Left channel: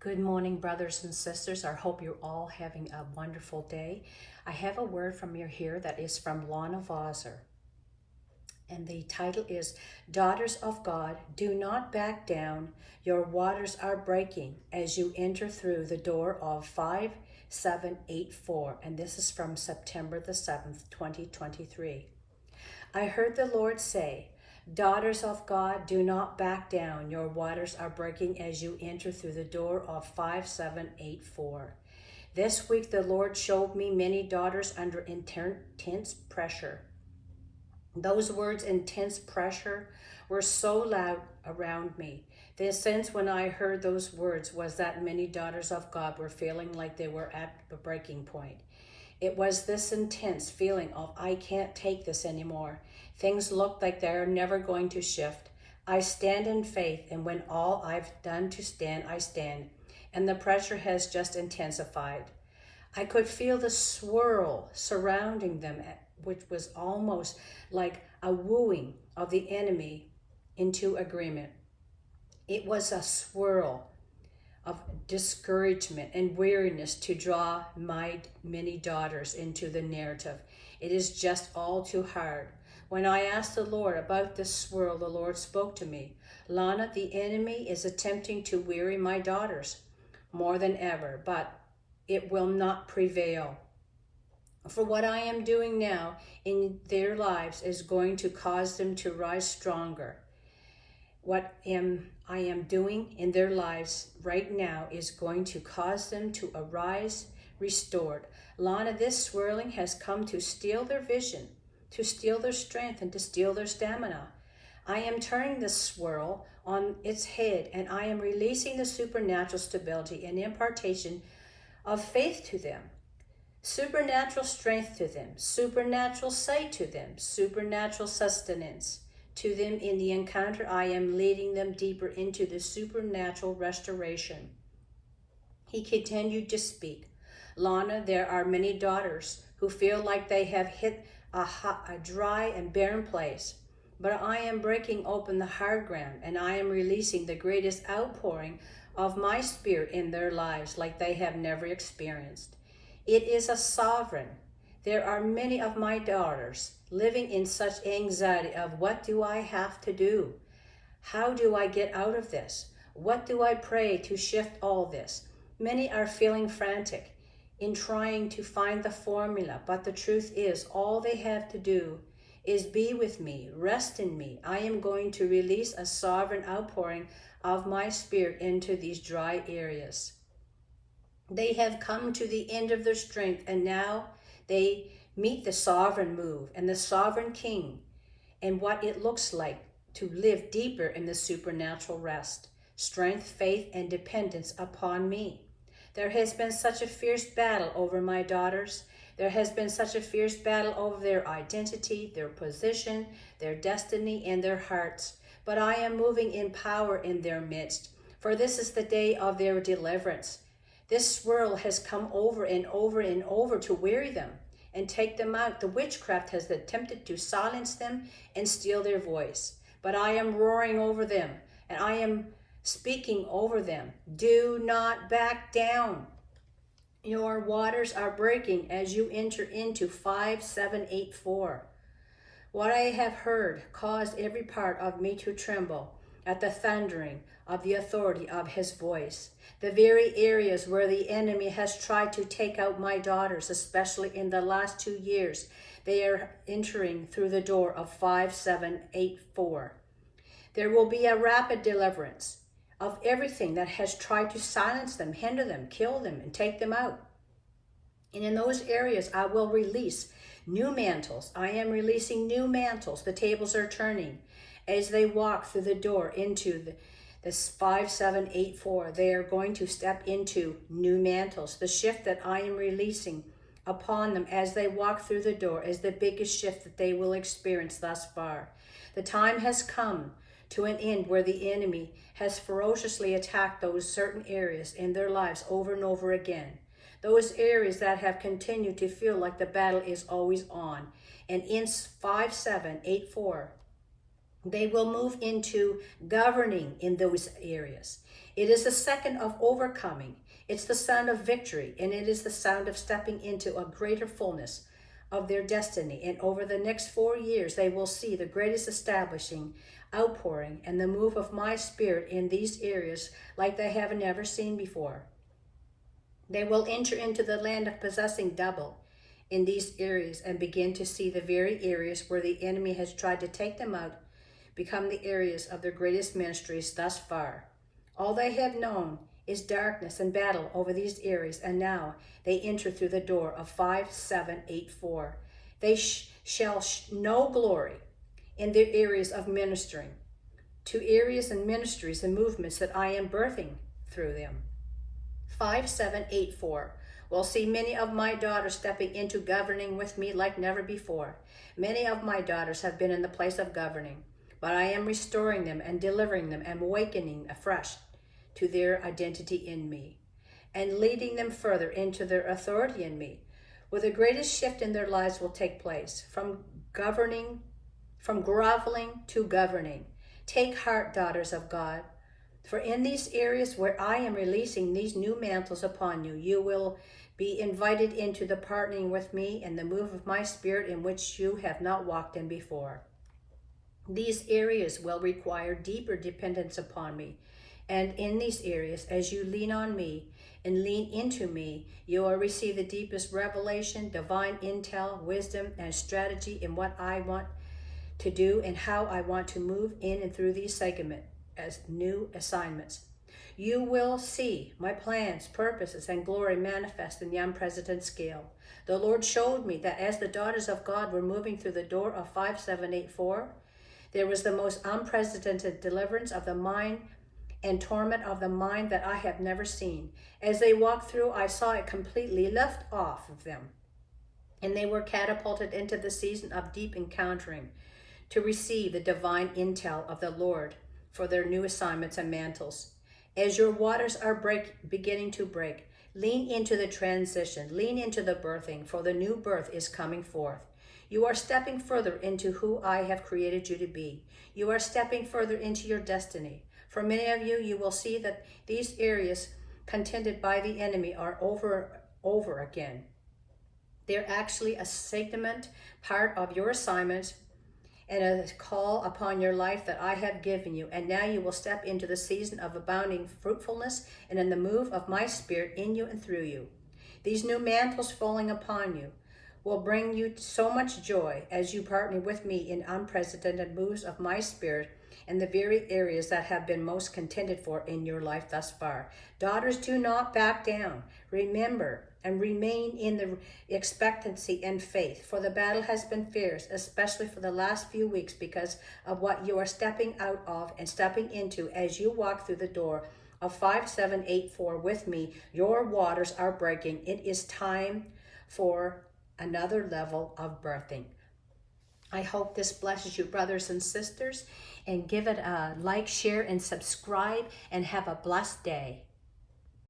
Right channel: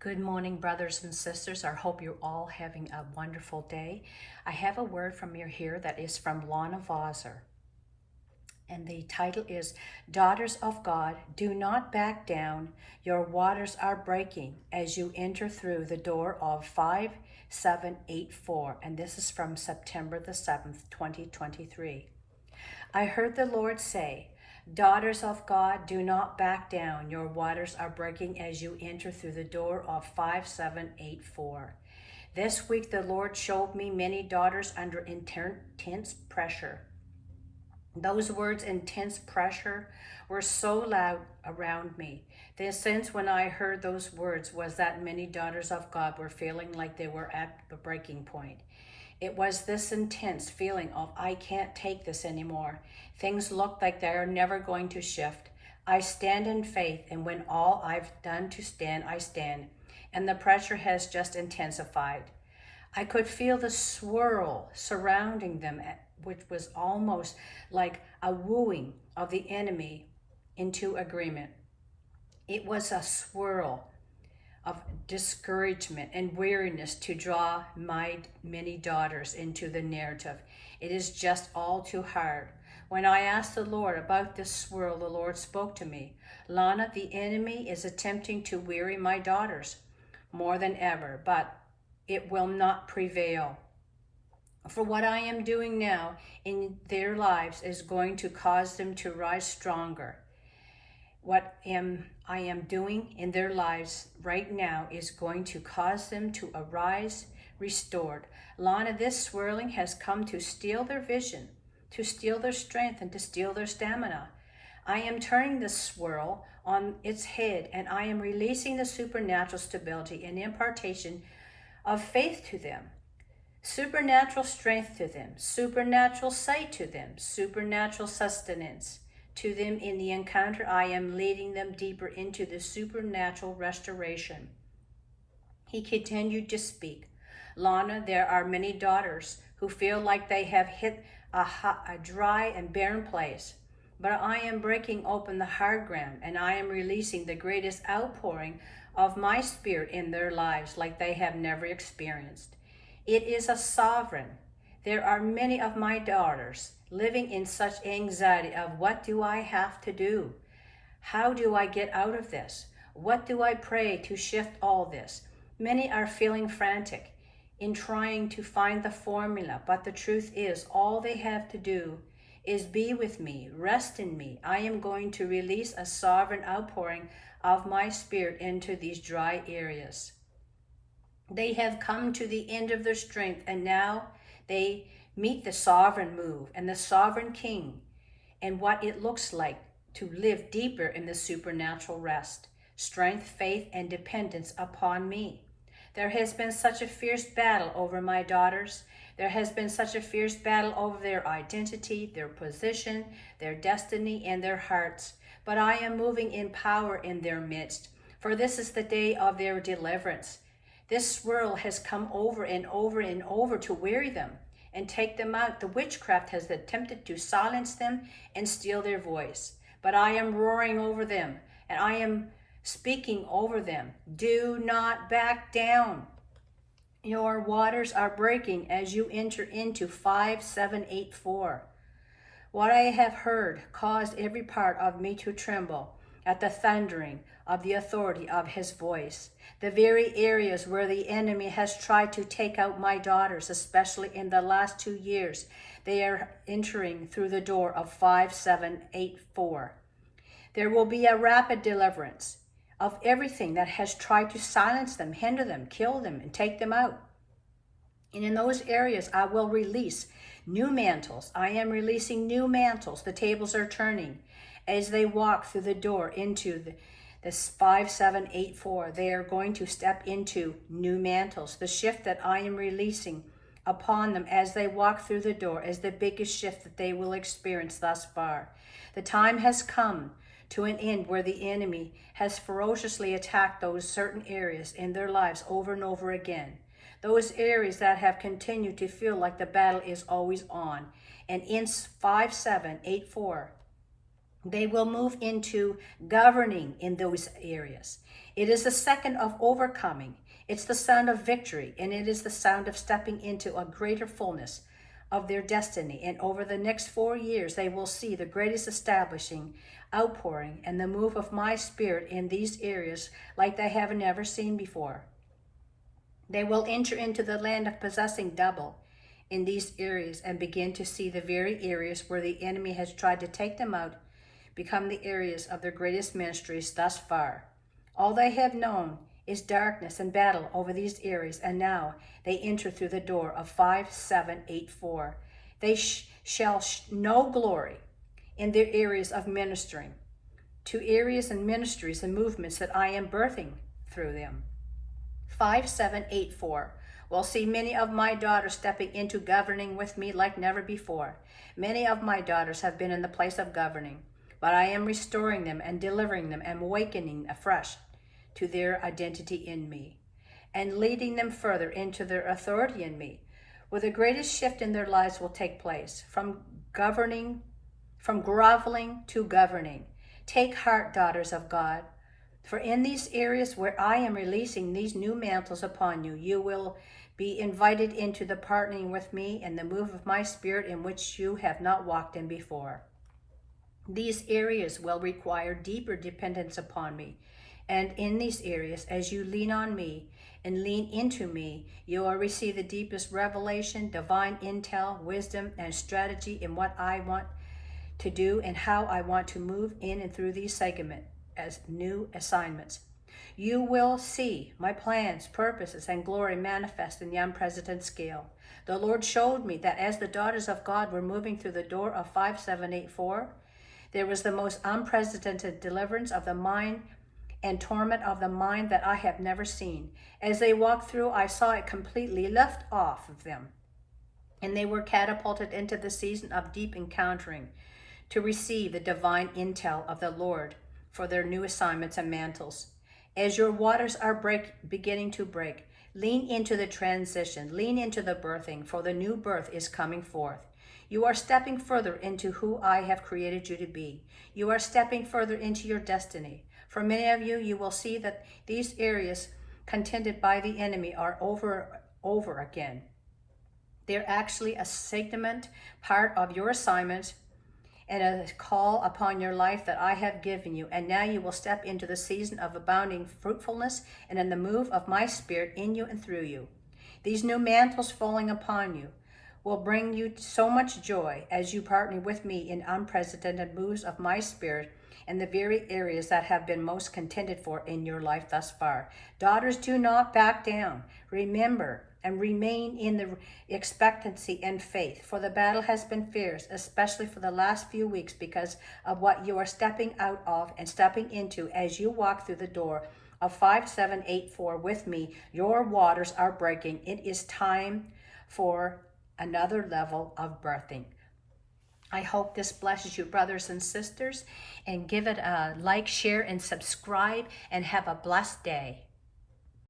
Good morning, brothers and sisters. I hope you're all having a wonderful day. I have a word from you here that is from Lana Vawser. And the title is, Daughters of God, do not back down. Your waters are breaking as you enter through the door of 5784. And this is from September the 7th, 2023. I heard the Lord say, Daughters of God, do not back down. Your waters are breaking as you enter through the door of 5784. This week the Lord showed me many daughters under intense pressure. Those words, intense pressure, were so loud around me. The sense when I heard those words was that many daughters of God were feeling like they were at the breaking point. It was this intense feeling of, I can't take this anymore. Things look like they are never going to shift. I stand in faith, and when all I've done to stand, I stand. And the pressure has just intensified. I could feel the swirl surrounding them, which was almost like a wooing of the enemy into agreement. It was a swirl of discouragement and weariness to draw my many daughters into the narrative. It is just all too hard. When I asked the Lord about this swirl, the Lord spoke to me. Lana, the enemy is attempting to weary my daughters more than ever, but it will not prevail. For what I am doing now in their lives is going to cause them to rise stronger. What I am doing in their lives right now is going to cause them to arise restored. Lana, this swirling has come to steal their vision, to steal their strength, and to steal their stamina. I am turning the swirl on its head, and I am releasing the supernatural stability and impartation of faith to them, supernatural strength to them, supernatural sight to them, supernatural sustenance to them. In the encounter, I am leading them deeper into the supernatural restoration. He continued to speak. Lana, there are many daughters who feel like they have hit a dry and barren place, but I am breaking open the hard ground, and I am releasing the greatest outpouring of my spirit in their lives like they have never experienced. It is a sovereign. There are many of my daughters living in such anxiety of, what do I have to do? How do I get out of this? What do I pray to shift all this? Many are feeling frantic in trying to find the formula, but the truth is all they have to do is be with me, rest in me. I am going to release a sovereign outpouring of my spirit into these dry areas. They have come to the end of their strength, and now they meet the sovereign move and the sovereign king and what it looks like to live deeper in the supernatural rest, strength, faith, and dependence upon me. There has been such a fierce battle over my daughters. There has been such a fierce battle over their identity, their position, their destiny, and their hearts. But I am moving in power in their midst, for this is the day of their deliverance. This swirl has come over and over and over to weary them and take them out. The witchcraft has attempted to silence them and steal their voice. But I am roaring over them, and I am speaking over them. Do not back down. Your waters are breaking as you enter into 5784. What I have heard caused every part of me to tremble at the thundering of the authority of his voice. The very areas where the enemy has tried to take out my daughters, especially in the last 2 years, they are entering through the door of 5784. There will be a rapid deliverance of everything that has tried to silence them, hinder them, kill them, and take them out. And in those areas, I will release new mantles. I am releasing new mantles. The tables are turning as they walk through the door into this 5784. They are going to step into new mantles. The shift that I am releasing upon them as they walk through the door is the biggest shift that they will experience thus far. The time has come to an end where the enemy has ferociously attacked those certain areas in their lives over and over again. Those areas that have continued to feel like the battle is always on. And in 5784, They will move into governing in those areas. It is the second of overcoming. It's the sound of victory, and it is the sound of stepping into a greater fullness of their destiny. And over the next 4 years, they will see the greatest establishing, outpouring, and the move of my spirit in these areas like they have never seen before. They will enter into the land of possessing double in these areas and begin to see the very areas where the enemy has tried to take them out become the areas of their greatest ministries thus far. All they have known is darkness and battle over these areas, and now they enter through the door of 5784. They shall know glory in their areas of ministering, to areas and ministries and movements that I am birthing through them. 5784 will see many of my daughters stepping into governing with me like never before. Many of my daughters have been in the place of governing, but I am restoring them and delivering them and awakening afresh to their identity in me and leading them further into their authority in me, where the greatest shift in their lives will take place from groveling to governing. Take heart, daughters of God, for in these areas where I am releasing these new mantles upon you, you will be invited into the partnering with me and the move of my spirit in which you have not walked in before. These areas will require deeper dependence upon me. And in these areas, as you lean on me and lean into me, you will receive the deepest revelation, divine intel, wisdom, and strategy in what I want to do and how I want to move in and through these segments as new assignments. You will see my plans, purposes, and glory manifest in the unprecedented scale. The Lord showed me that as the daughters of God were moving through the door of 5784, there was the most unprecedented deliverance of the mind and torment of the mind that I have never seen. As they walked through, I saw it completely left off of them, and they were catapulted into the season of deep encountering to receive the divine intel of the Lord for their new assignments and mantles. As your waters are beginning to break, lean into the transition, lean into the birthing, for the new birth is coming forth. You are stepping further into who I have created you to be. You are stepping further into your destiny. For many of you, you will see that these areas contended by the enemy are over again. They're actually a segment, part of your assignment, and a call upon your life that I have given you. And now you will step into the season of abounding fruitfulness and in the move of my spirit in you and through you. These new mantles falling upon you will bring you so much joy as you partner with me in unprecedented moves of my spirit in the very areas that have been most contended for in your life thus far. Daughters, do not back down. Remember and remain in the expectancy and faith, for the battle has been fierce, especially for the last few weeks, because of what you are stepping out of and stepping into as you walk through the door of 5784 with me. Your waters are breaking. It is time for another level of birthing. I hope this blesses you, brothers and sisters, and give it a like, share, and subscribe, and have a blessed day.